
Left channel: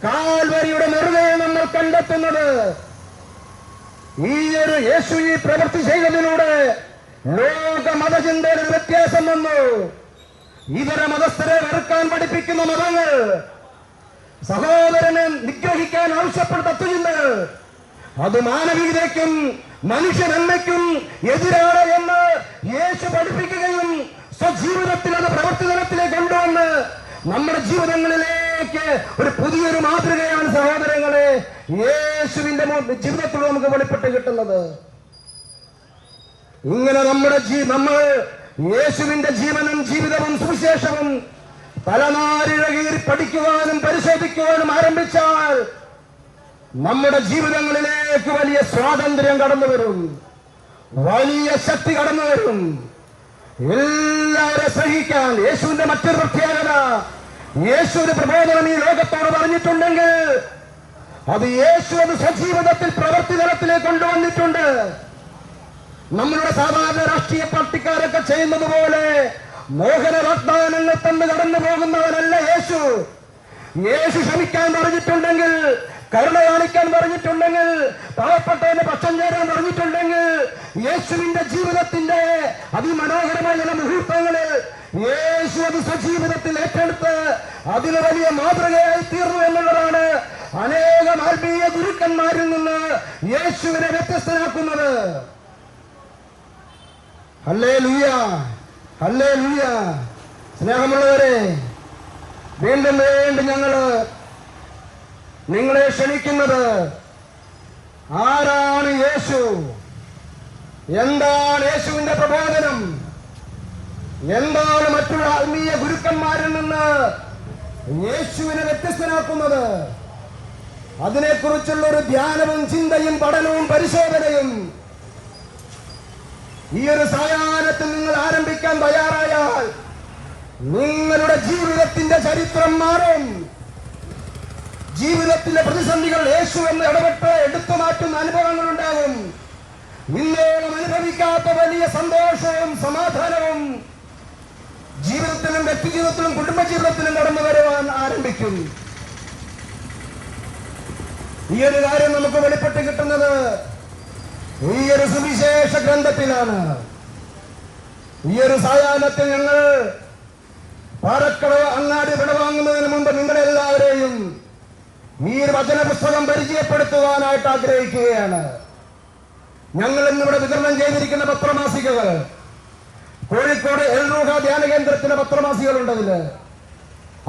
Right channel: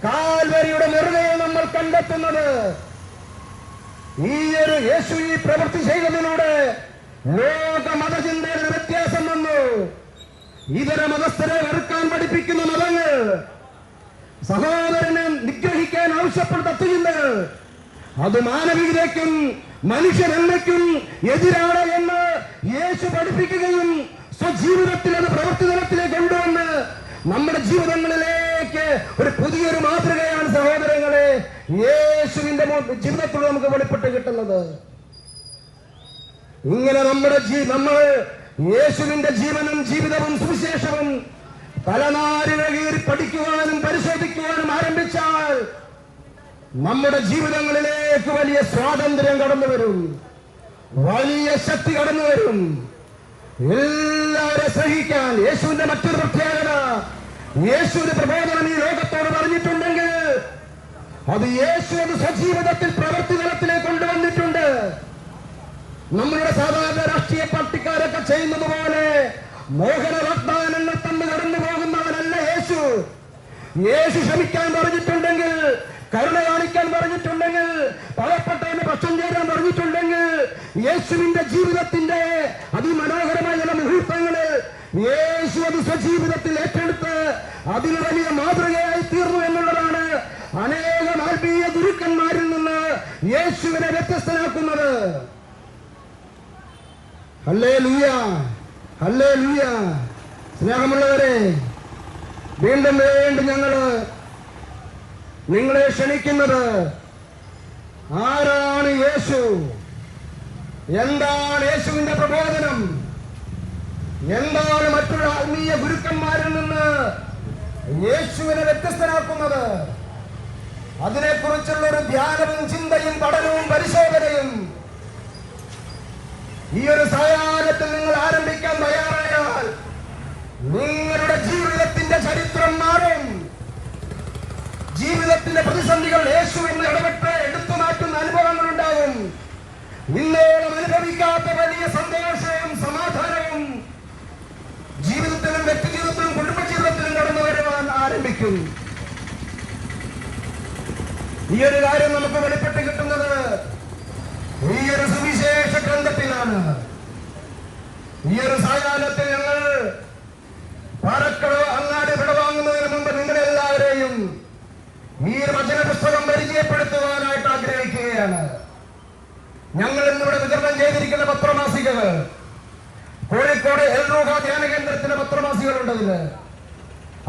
കാൽവരിയുടെ നെറുകയെ നമ്മൾ കണ്ടെത്തുന്നത്. ഈ ഒരു യേശു ഈ പ്രവൃത്തി ചെയ്തതിലൂടെ ലോക മതചിന്തയിൽ വ്യത്യാസം വന്നു. ഇതര മതസ്ഥരെ വെറുക്കാൻ പഠിപ്പിക്കുന്ന മതങ്ങൾ സഹോദരനെ നിഗ്രഹിക്കാൻ ആവശ്യപ്പെടുന്ന തത്വചിന്തകൾ അത് മാനവികതയ്ക്കും മനുഷ്യ നന്മയ്ക്കും എതിരാണ് എന്ന് യേശു പഠിപ്പിക്കുകയും സ്വജീവിതത്തിൽ അത് പ്രവർത്തനത്തിലേക്ക് കൊണ്ടുവന്ന് നമ്മുടെ ജീവിതങ്ങളിലേക്ക് ഒരു പുതിയൊരു മാതൃകയാണ് സഹോദരങ്ങളെ യേശുവിന്റെ ജീവിതത്തിൽ നമുക്ക് വെളിപ്പെട്ട് കിട്ടുന്നത്. ഇങ്ങനെ നമ്മുടെ നമ്മൾ യേശുവിന്റെ ജീവനും ജീവിതവും സുവിശേഷവും തലനാരിഴകീർ പഠിക്കുവാനും പരിശോധിക്കുവാനും ആരംഭിച്ചാൽ നമ്മുടെ ജീവിതങ്ങളിലേക്ക് വലിയ സ്വാതന്ത്ര്യം കടന്നു വരും. വലിയ ശക്തി കടന്നു വരും. എല്ലാവരെ സഹിക്കാൻ യേശുവിന്റെ മറ്റൊരു പ്രത്യേകത. യേശുവിന്റെ പ്രബോധനം ഈ ലോകത്തോട് പറഞ്ഞിട്ടുണ്ടെങ്കിൽ അത് യേശു അത് സ്വജീവിതത്തിൽ പ്രവൃത്തി തലത്തിലേക്ക് കൊണ്ടുവന്നിട്ടുണ്ട്. നമ്മളുടെ സാധാരണ രാഷ്ട്രീയ പാർട്ടിക്കാരൊക്കെ ചെയ്യുന്നത് പോലെ മോഹന വാഗ്ദാനങ്ങൾ തന്ന് കടന്നു പോകുന്നവനല്ല യേശു. യേശു ശ്രമിക്കാൻ പറഞ്ഞിട്ടുണ്ടെങ്കിൽ കരുണ കാണിക്കാൻ പറഞ്ഞിട്ടുണ്ടെങ്കിൽ പാവപ്പെട്ടവന് പക്ഷം ചേരാൻ പറഞ്ഞിട്ടുണ്ടെങ്കിൽ യേശുവിന്റെ ജീവിതത്തിന്റെ അതിമനോഹരമായ ചില മുഹൂർത്തങ്ങൾ യേശു അത് സജീവിതത്തിൽ ഏറ്റെടുത്ത് അതിന് വലിയ മാതൃകയായി തീർന്നു എന്നുള്ളതാണ് അനേകം ആത്മീയ ഗുരുക്കന്മാരിൽ നിന്ന് യേശുവിനെ വ്യത്യസ്തനാക്കുന്നത്. അല്ലേ ലൂയ അല്ലേ ലൂയ സ്നേഹമുള്ളവരെ വീണ്ടും വീണ്ടും ഞങ്ങൾ നിങ്ങളെ ക്ഷണിക്കുന്നത് ആരാണ് യേശു? എന്താണ് യേശുവിന്റെ പ്രബോധനം? എന്താണ് മറ്റുള്ള ആത്മീയ ഗുരുക്കന്മാരിൽ നിന്ന് യേശുവിനെ വ്യത്യസ്തനാക്കുന്നത്? അതിനെക്കുറിച്ചുള്ള ഒരു ധ്യാനവും ചിന്തയും പഠനവും പരിശോധനയും ഈ ഒരു സായാഹ്നത്തിൽ നിങ്ങൾ ആരംഭിക്കാൻ തയ്യാറായാൽ നിങ്ങളുടെ ജീവിതത്തിന്റെ ചരിത്രം മാറും. ജീവിതത്തിലെ പ്രതിസന്ധികൾ യേശു എന്ന് ഇടപെട്ട് എടുത്തു മാറ്റുന്ന അനുഭവങ്ങൾ ഉണ്ടാകും ഇന്നോളം അനുഭവിക്കാത്ത വലിയ സന്തോഷവും സമാധാനവും ജീവിതത്തിലും വ്യക്തിജീവിതത്തിലും കുടുംബജീവിതത്തിലും കടന്നു വരുവാൻ ആരംഭിക്കും. ഈ ഒരു കാര്യം നമുക്ക് വെളിപ്പെട്ട് കിട്ടുന്നത് ഈ ഒരു സുവിശേഷ ഗ്രന്ഥത്തിലാണ്. ഈ ഒരു സായാഹ്നത്തിൽ ഞങ്ങൾ പാലക്കട അങ്ങാടി വിടവാങ്ങുന്നതിന് മുമ്പ് നിങ്ങളെല്ലാവരെയും ഈ വചന പുസ്തകം പരിചയപ്പെടുത്തുവാനായിട്ട് ആഗ്രഹിക്കുകയാണ്. ഞങ്ങൾ ഇന്നിവിടെ വിതരണം ചെയ്തിരിക്കുന്ന പത്രമാസികകൾ. കോഴിക്കോട് എൽറൂഹ ധ്യാന കേന്ദ്രത്തിലെ പത്രമാസികളുണ്ട് അതിൽ.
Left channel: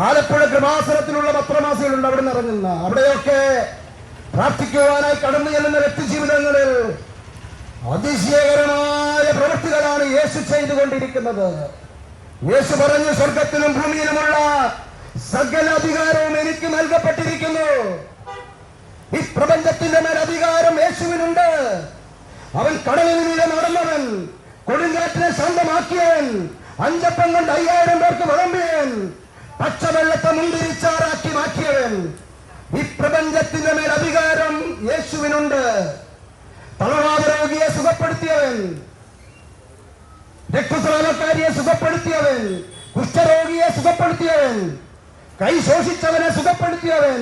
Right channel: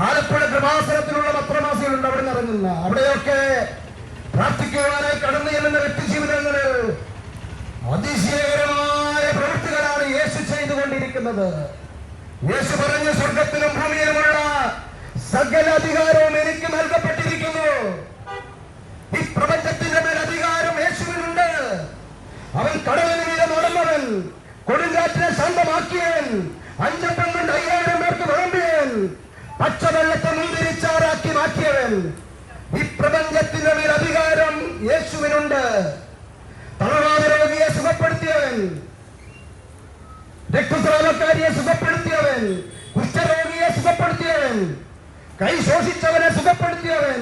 ആലപ്പുഴ കൃപാസനത്തിലുള്ള പത്രമാസികളുണ്ട് അവിടെ നിന്ന് ഇറങ്ങുന്ന അവിടെയൊക്കെ പ്രാർത്ഥിക്കുവാനായി കടന്നു ചെല്ലുന്ന വ്യക്തിജീവിതങ്ങളിൽ അതിശയകരമായ പ്രവൃത്തികളാണ് യേശു ചെയ്തുകൊണ്ടിരിക്കുന്നത്. യേശു പറഞ്ഞു സ്വർഗത്തിലും ഭൂമിയിലുമുള്ള സകല അധികാരവും എനിക്ക് നൽകപ്പെട്ടിരിക്കുന്നു. ഈ പ്രപഞ്ചത്തിന്റെ മേൽ അധികാരം യേശുവിനുണ്ട്. അവൻ കടലിൽ മീതെ നടന്നവൻ കൊടുങ്കാറ്റിനെ ശാന്തമാക്കിയവൻ അഞ്ചപ്പം കൊണ്ട് അയ്യായിരം പേർക്ക് വിളമ്പിയൻ പച്ചവെള്ളത്തെ മുന്തിരിച്ചാറാക്കി മാറ്റിയവൻ. ഈ പ്രപഞ്ചത്തിന്റെ മേൽ അധികാരം യേശുവിനുണ്ട്. തളവാദ രോഗിയെ സുഖപ്പെടുത്തിയവൻ രക്തസ്രാവക്കാരിയെ സുഖപ്പെടുത്തിയവൻ കുഷ്ഠരോഗിയെ സുഖപ്പെടുത്തിയവൻ കൈ ശോഷിച്ചവനെ സുഖപ്പെടുത്തിയവൻ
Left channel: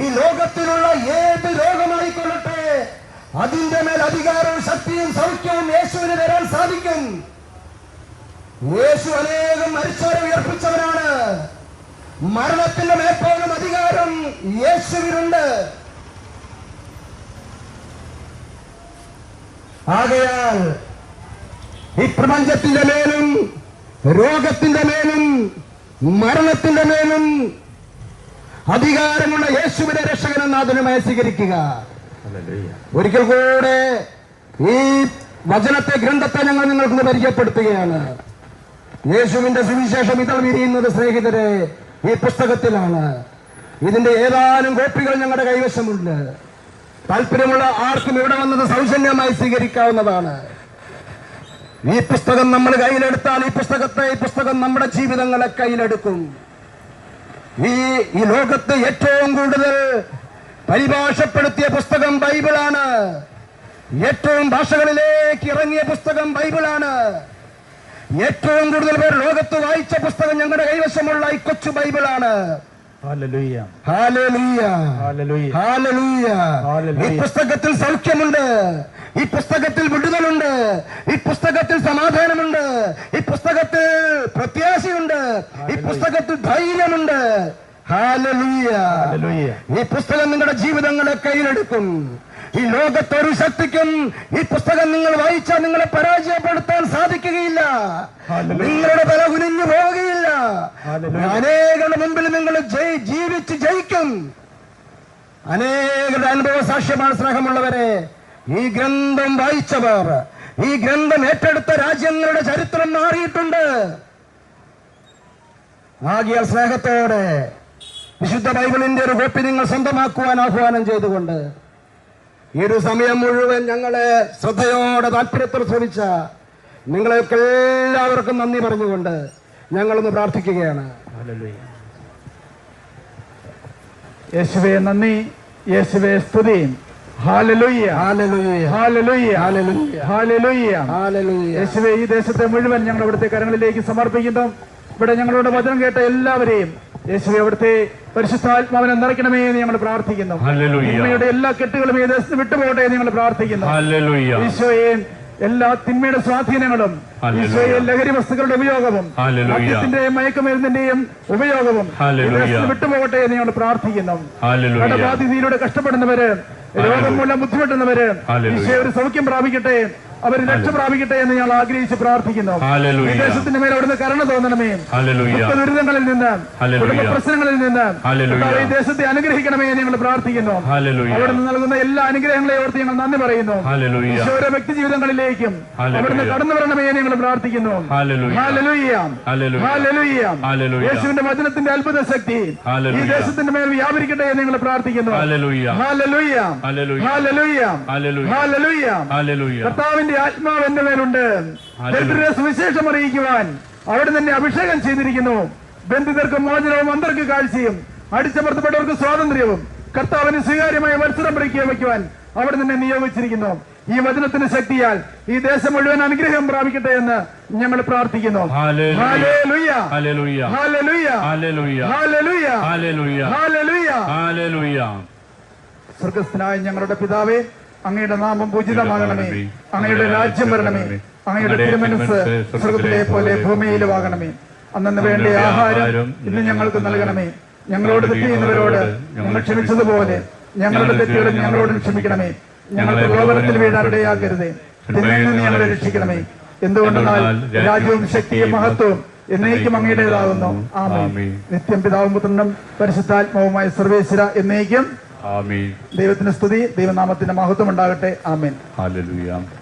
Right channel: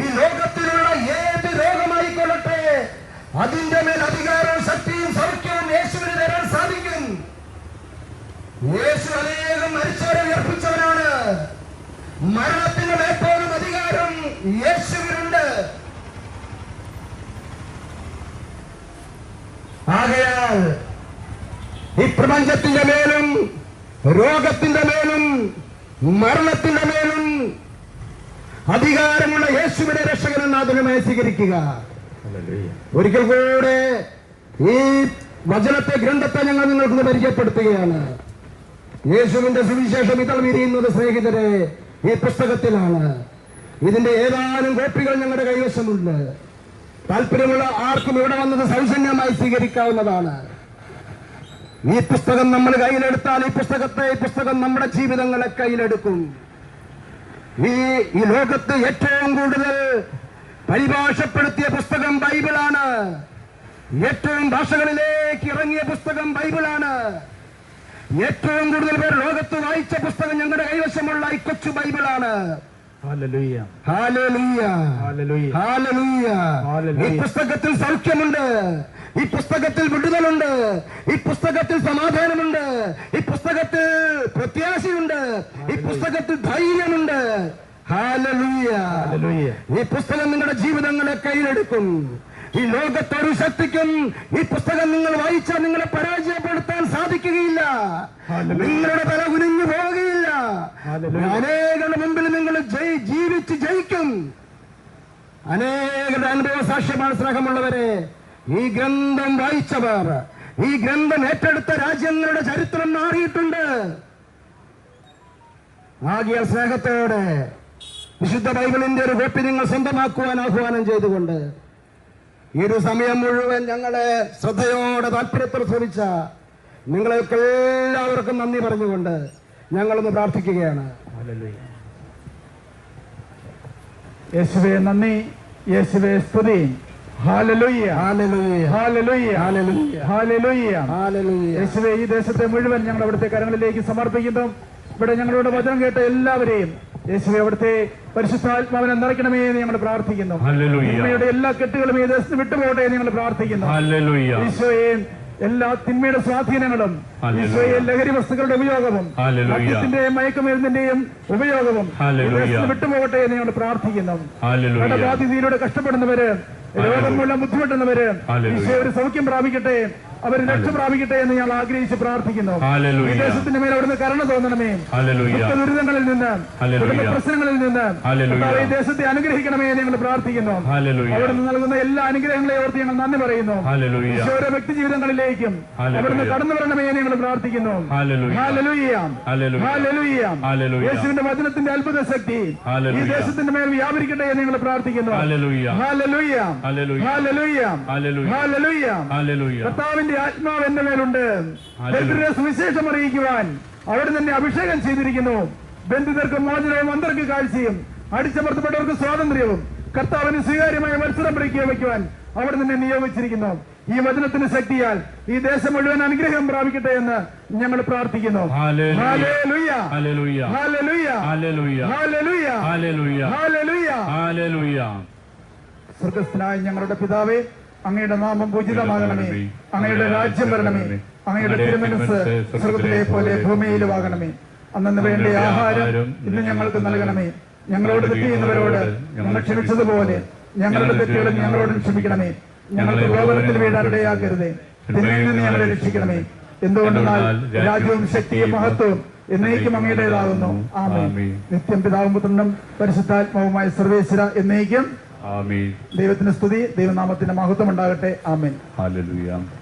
ഈ ലോകത്തിലുള്ള ഏത് രോഗമായിക്കൊള്ളട്ടെ അതിന്റെ മേൽ അധികാരവും ശക്തിയും സൗഖ്യവും യേശുവിന് തരാൻ സാധിക്കും. യേശു അനേകം മരിച്ചവരെ ഉയർപ്പിച്ചവനാണ്. മരണത്തിന്റെ മേപ്പോഴും അധികാരം യേശുവിനുണ്ട്. ആകയാൽ ഈ പ്രപഞ്ചത്തിന്റെ മേലും രോഗത്തിന്റെ മേലും മരണത്തിന്റെ മേലും അധികാരമുള്ള യേശുവിനെ രക്ഷകനെന്ന് അതിനുമായി സ്വീകരിക്കുക. ഒരിക്കൽ കൂടെ ഈ വചനത്തെ ഗ്രന്ഥത്തെ ഞങ്ങൾ നിങ്ങൾക്ക് പരിചയപ്പെടുത്തുകയാണ്. യേശുവിന്റെ സുവിശേഷം ഇതൾ വിരിയുന്നത് സ്നേഹിതരെ ഈ പുസ്തകത്തിലാണ്. ഇതിന്റെ ഏതാനും കോപ്പികൾ ഞങ്ങളുടെ കൈവശമുണ്ട്. താല്പര്യമുള്ള ആർക്കും ഇവിടെ വന്നത് സൗജന്യമായി സ്വീകരിക്കാവുന്നതാണ്. ഈ പുസ്തകം നമ്മൾ കയ്യിലെടുത്താൽ ഈ പുസ്തകത്തെ ഈ പുസ്തകം നമ്മുടെ ജീവിതങ്ങളെ കയ്യിലെടുക്കും. ഈ ഈ ലോകത്ത് ഏറ്റവും കൂടുതൽ പരിഭാഷപ്പെടുത്തിയ പുസ്തകം ബൈബിളാണ്. ഏറ്റവും ഭാഷകളിലേക്ക് ഇറങ്ങിയ പുസ്തകം ബൈബിളാണ്. ഏറ്റവും കൂടുതൽ പേർ ലോകത്ത് വായിച്ച പുസ്തകം ഞങ്ങളുടെ കൈവശമുള്ള ഈ കൊച്ചു ബൈബിളാണ്. ഈ പുസ്തകത്തിൽ സൗഖ്യമുണ്ട്. ഈ പുസ്തകത്തിൽ വിടുതലുണ്ട്. ഈ പുസ്തകത്തിൽ സമാധാനമുണ്ട്. ഈ പുസ്തകത്തിൽ പ്രത്യാശയുണ്ട്. ഈ പുസ്തകത്തിൽ ധൈര്യമുണ്ട്. ഈ പുസ്തകം നിങ്ങളുടെ ജീവിതങ്ങളെ കയ്യിലെടുക്കും. ഈ ലോകത്തൊരു ശക്തിക്കും ഈ പുസ്തകം നിങ്ങൾ വായിച്ചാൽ നിങ്ങളെ പരാജയപ്പെടുത്താൻ സാധിക്കുകയില്ല. നിങ്ങളുടെ തല കുനിഞ്ഞു പോവുകയില്ല. അനേകരുടെ മുമ്പിൽ നിങ്ങൾ ജയി- ജീവിച്ച് ജയിക്കും. അനേകരുടെ അനുഭവ സാക്ഷ്യമാണ് സ്നേഹമുള്ളവരെ. ഈ ഗ്രന്ഥം വായിച്ചവർ ഈ ഗ്രന്ഥം ഏറ്റെടുത്ത രാജ്യങ്ങളുടെ ചരിത്രം മാറിയിട്ടുണ്ട്. ആകിയ സ്നേഹത്തോടെ വിശുദ്ധ ബൈബിളിന്റെ ഒരു കോപ്പി നിങ്ങൾ സ്വന്തമാക്കുവാൻ ആഹ്വാനം ചെയ്തുകൊണ്ട് ഈ ഒരു സമയം മുഴുവൻ ഞങ്ങളെ ശ്രദ്ധയോടെ താല്പര്യത്തിൽ ശ്രമിച്ച നിങ്ങളെയൊക്കെ എല്ലാവർക്കും നന്ദി പറഞ്ഞുകൊണ്ട് ഞങ്ങളൊന്ന് പ്രാർത്ഥിക്കുകയാണ്. ഹല്ലേലൂയ. യേശുവേ നന്ദി. യേശുവേ സ്തുതി. യേശുവേ ഈ ദേശത്തെ മുഴുവൻ ഞങ്ങൾ ഇവിടുത്തെ കരങ്ങളിലേക്ക് സമർപ്പിക്കുന്നു. ഇവിടെ ഞങ്ങളുടെ വചനം കേട്ട എല്ലാവരെയും യേശുവെ അവിടുത്തെ പരിശുദ്ധാത്മാവിനെ നിറയ്ക്കണമേ എന്ന് ഞങ്ങൾ പ്രാർത്ഥിക്കുന്നു. എല്ലാ കെട്ടുകളും ഈ ദേശത്ത് വിട്ടുപോകട്ടെ എന്ന് ഞങ്ങൾ പ്രാർത്ഥിക്കുന്നു. ഹല്ലേലൂയ. ഈശോയെ എല്ലാ തിന്മയുടെ സ്വാധീനങ്ങളും ഇസ്രയേൽ ലഹരി വസ്തുക്കളുടെ ഉപയോഗവും. മദ്യത്തിന്റെയും മയക്കുമരുന്നിന്റെയും ഉപയോഗവും വിട്ടുപോകട്ടെ എന്ന് ഞങ്ങൾ പ്രാർത്ഥിക്കുന്നു. കടബാധിതയിലൂടെ കഷ്ടപ്പെടുന്നവര് രോഗം മൂലം ബുദ്ധിമുട്ടുന്നവര്. ഈശോ ഒരു സൗഖ്യം പ്രാപിക്കട്ടെ അവർ രക്ഷ പ്രാപിക്കട്ടെ എന്ന് ഞങ്ങൾ ആഗ്രഹിച്ച് പ്രാർത്ഥിക്കുന്നു വിദേശത്തിന്റെ മേലെ അവിടുന്ന് കരുണ തോന്നണമേ ദുരിതങ്ങളിൽ നിന്ന്. കുടുംബ പ്രശ്നങ്ങളിൽ നിന്ന് ഈ ദേശത്തെ അനുഗ്രഹിക്കണമേ എന്ന് ഞങ്ങൾ പ്രാർത്ഥിക്കുന്നു അവിടെ നിന്ന് നൽകുന്ന എല്ലാ അനുഗ്രഹങ്ങളെ ഓർത്ത് ഞങ്ങൾ നന്ദി പറയുന്നു ഓരോ വ്യക്തി ജീവിതങ്ങളിലേക്കും അവിടുന്ന് കടന്നു വരണമേ എന്ന് ഞങ്ങൾ പ്രാർത്ഥിക്കുന്നു. യേശുവിന്റെ വചനത്തിന്റെ അത്ഭുത ശക്തി ഈ. ദേശത്തിന്റെ മേൽ വ്യാപരിക്കട്ടെ എന്ന് ഞങ്ങൾ പ്രാർത്ഥിക്കുന്നു ഹല്ലേലൂയ. ദൈവത്തിന്റെ ആത്മാവ് എന്റെ മേലുണ്ട്. ദരിദ്രരെ സുവിശേഷം അറിയിക്കുവാൻ അവിടെ തന്നെ അഭിഷേകം ചെയ്തിരിക്കുന്നു. ബന്ധിതർക്ക് മോചനവും അന്തർക്ക് കാഴ്ചയും അടിച്ചമർത്തപ്പെട്ടവർക്ക് സ്വാതന്ത്ര്യവും കർത്താവിന് സ്വീകാര്യമായ മത്സരം പ്രഖ്യാപിക്കുവാൻ അവിടെ തന്നെ നിയോഗിച്ചിരിക്കുന്നു. ഈ വചനത്തിന് ശക്തിയാൽ ഈ ദേശം മുഴുവൻ അനുഗ്രഹം പ്രാപിക്കട്ടെ എന്ന് ഞങ്ങൾ പ്രാർത്ഥിക്കുന്നു. സ്വർഗസ്ഥനായ ഞങ്ങളുടെ പിതാവേ അങ്ങയുടെ നാമം പൂജിതമാകണമേ. അങ്ങയുടെ രാജ്യം വരണമേ. അങ്ങയുടെ തിരുമനസ് സ്വർഗത്തിലെ പോലെ ഭൂമിയിലുമാകണമേ അന്നു വേണ്ട ആഹാരം ഇന്ന് ഞങ്ങൾക്ക് നൽകണമേ. ഞങ്ങളോട് തെറ്റ് ചെയ്യുന്നവരോട് ഞങ്ങൾ ക്ഷമിച്ചതുപോലെ ഞങ്ങളുടെ തെറ്റുകളും ഞങ്ങളോട് ക്ഷമിക്കണമേ. ഞങ്ങളുടെ പ്രലോഭനത്തിൽ വീഴാനിടയാക്കരുതേ തിന്മയിൽ ഞങ്ങളെ രക്ഷിക്കണമേ. എന്തുകൊണ്ടെന്നാൽ രാജ്യവും ശക്തിയും മഹത്വവും എന്നേക്കും അങ്ങയുടേതാകുന്നു ആമേ നിത്യം പിതാവും പുത്രനും പരിശുദ്ധാത്മാവുമായ സർവേശ്വര എന്നേക്കും ആമീൻ. ദൈവത്തിന്റെ സ്തുതി ദൈവനാമത്തിന്റെ മഹത്വം ഉണ്ടാകട്ടെ. ആമേൻ. ഹല്ലേലൂയ.